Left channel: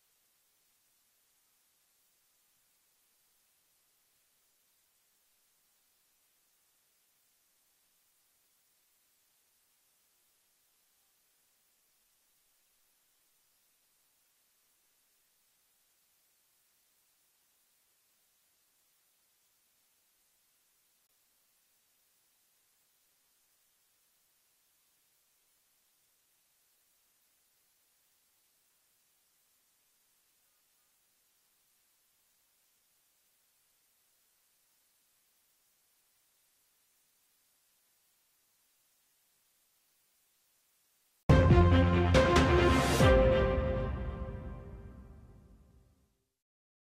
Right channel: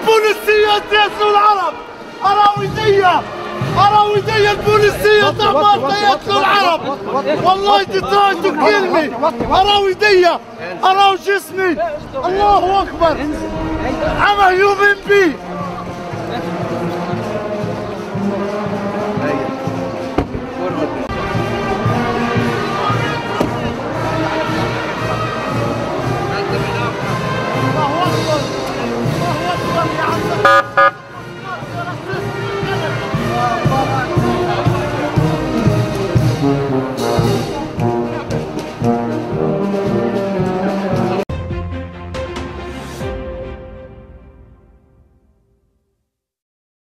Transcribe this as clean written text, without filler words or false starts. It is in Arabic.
البوليسية يقتلوا العرب. أراويدية البوليسية دمرت يقتلوا العرب. والله تتراجعوا كلمة. أراويدية، أراو جسمي. الله أكبر. I'm a human being.